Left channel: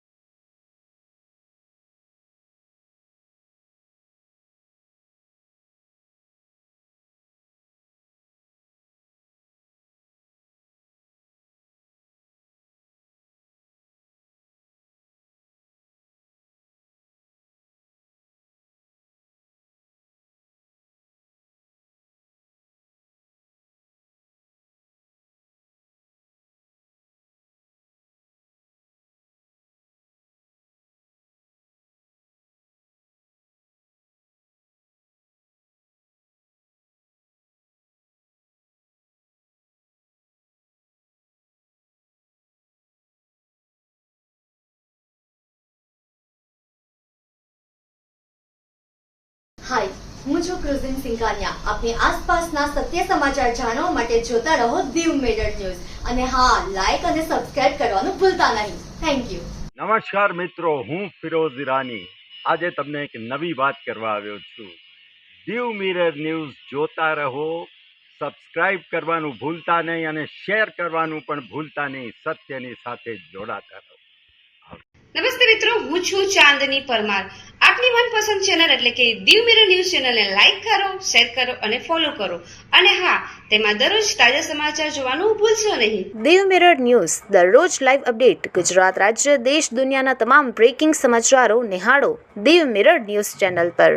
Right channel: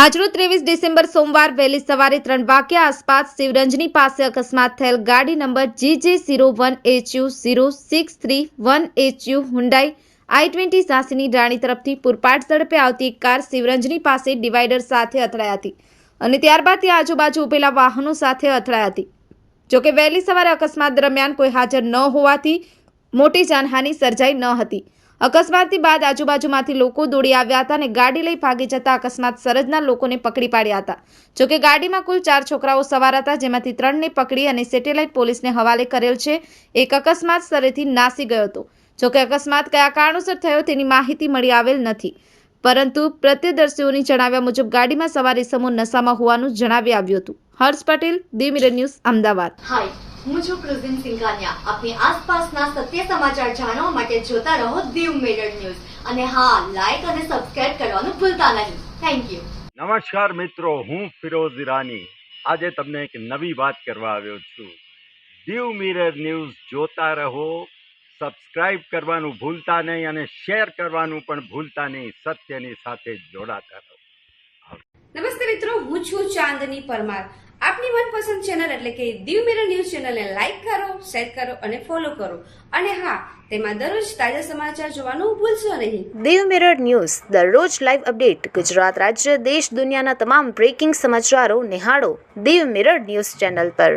આજરોજ 23 ડિસેમ્બર સોમવાર વહેલી સવારે 3 વાગ્યા આસપાસ શિવરંજની પાસે અકસ્માત થયેલ ગાડી નંબર GJ01HU0631HU હુન્ડાઈ i20 ઝાંસીની રાણી તરફથી પૂરપાટ ઝડપે આવતી એક કાર શિવરંજની પાસે ડિવાઈડર સાથે અથડાઈ હતી અને ત્યારબાદ ત્યાં આજુબાજુ ઉભેલા વાહનો સાથે અથડાઈ હતી। જોકે વહેલી સવારે અકસ્માત દરમિયાન કોઈ હાજર ન હોવાથી મોટી જાનહાનિ સર્જાઈ ન હતી। અકસ્માતથી બાદ આજુબાજુમાંથી લોકો દોડી આવ્યા હતા અને ગાડી લઈ ભાગી જતા અકસ્માત સર્જનાર લોકોને પકડી પાડ્યા હતા। જોકે ગાડીમાં કુલ 4 છોકરાઓ સવાર હતા, જેમાંથી 3ને પકડી અને સેટેલાઇટ પોલીસને હવાલે કરેલ છે। એક અકસ્માત સ્થળેથી નાસી ગયો હતો। જોકે અકસ્માત કયા કારણોસર થયો તેની માહિતી મળી આવેલ નથી, પરંતુ પ્રત્યદર્શીઓની જણાવ્યા મુજબ ગાડીમાં સવાર ઇસમો નશામાં હોવાનું જણાવી આવ્યું હતું। હર્ષ પટેલ, દી મિરર ન્યૂઝ, અમદાવાદ। હાય, હું છું ક્રુઝિન સિંઘાનિયા। આપની આસપાસના સત્ય સમાચાર જાણવા માટે જોતા રહો દીવ મિરર ન્યૂઝ અને હા, લાઈક અને સબસ્ક્રાઇબ કરવાનું ભૂલતા નહીં। Thank you. નમસ્કાર મિત્રો, હું ફિરોઝ ઈરાની આજે તમને એક નવી વાત કરવા આવ્યો છું। દીવ મિરર ન્યૂઝ જોતા રહો, સબસ્ક્રાઇબ કરવાનું ભૂલતા નહીં અને શેર કરવાનું પણ ભૂલતા નહીં। સત્યની સાથે જોડાતા રહો। નમસ્તે મિત્રો, હું છું ચાંદની પરમાર। આપની મનપસંદ ચેનલ એટલે કે દીવ મિરર ન્યૂઝ ચેનલને લાઈક કરો, શેર કરો અને ફોલો કરો અને હા, તેમાં દરરોજ તાજા સમાચાર જોવાનું ભૂલશો નહીં। દીવ મિરર ન્યૂઝ દરરોજ લાઈવ અપડેટ ગુજરાત રાજ્ય, દેશ, દુનિયાના તમામ બ્રેકિંગ સમાચારો નિહાળો દીવ મિરર ન્યૂઝ ચેનલ પર।